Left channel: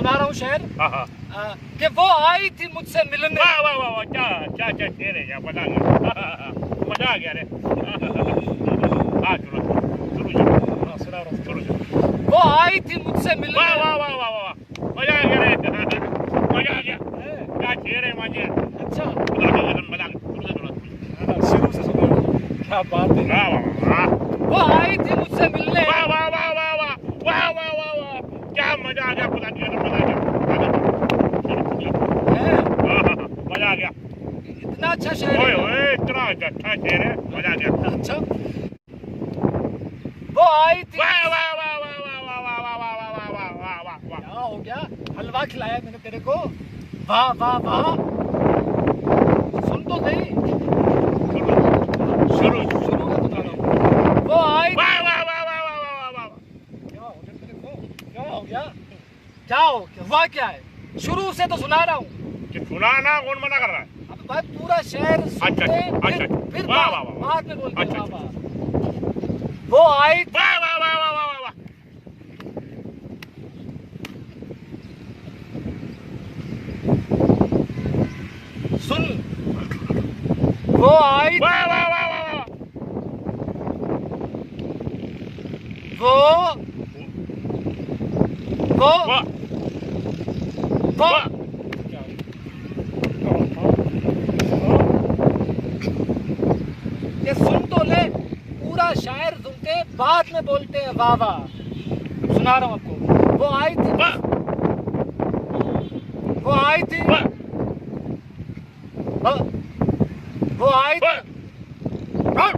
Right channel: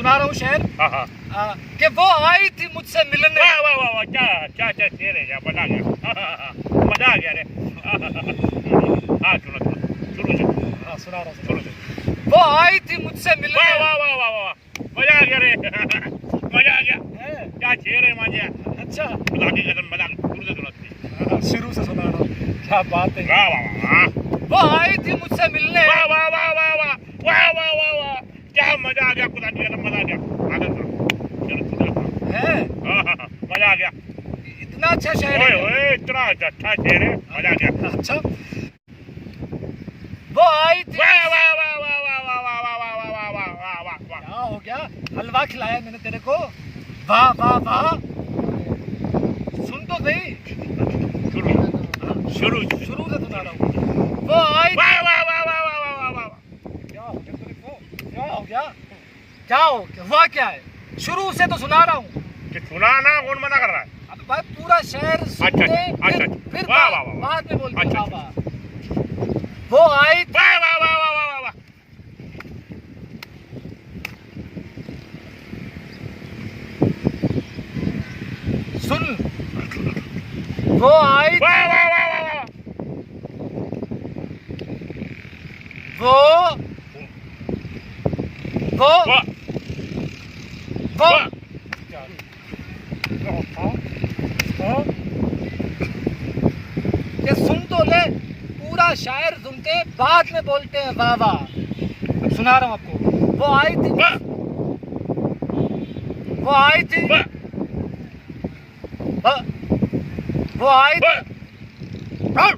सुना रहा हूँ शेर हाँ कि वो आई थी मुझसे मिलने। वाह वाह वाह वाह, क्या क्या क्या शेर है, क्या मजा आ गया, मजा आ गया रे। हाँ सुनो शुरू से, हाँ सुना रहा हूँ। शुरू से। वो आई थी मुझसे मिलने। वाह वाह वाह वाह वाह, मजा आ गया रे, मजा आ गया। है? क्या शेर है मांझिया, अच्छा मजा आ गया, मजा आ गया। शुरू से सुनो। शुरू से सुना रहा हूँ। क्या बात है। वाह वाह वाह वो आई थी मुझसे मिलने। वाह वाह वाह वाह वाह वाह वाह वाह वाह, क्या मजा आ गया, खुदा की कसम मजा आ गया। आगे चलो, चलो है? मजा आ गया। इतना अच्छा शेर ओए है। ओए, इतना अच्छा शेर है, मजा आ गया। अच्छा वो आई थी। वाह वाह वाह वाह वाह वाह वाह वाह वाह वाह वाह वाह वाह वाह। क्या हो गया? हलवा खिलाया मैंने तेरे को। वाह वाह वाह, सुन तो सही। शुरू शुरू शुरू से सुना रहा हूँ। वो आई। वाह वाह वाह वाह वाह वाह वाह वाह। क्या हो गया तेरे को? क्या हो गया? क्या हो गया? हुआ क्या है? शुरू से तो सुना रहा हूँ। कि सुनाना कौन मना कर रहा है? अब भाई पूरा शेर सुनते अच्छा, फिर वाह, वाह, वाह। बाद में बोलते हैं अच्छा, वाह वाह। वो आई। वाह वाह वाह वाह वाह वाह। सुन। वो आई। वाह वाह वाह वाह वाह। वो वो वाह वो वाह। ये सुन तो ले, पूरा शायर सुनते बाद में बोलते हैं वाह वाह। अब सुना रहा हूँ आपको। वो आई थी। वाह वो आई थी। वाह वो आई थी। वाह।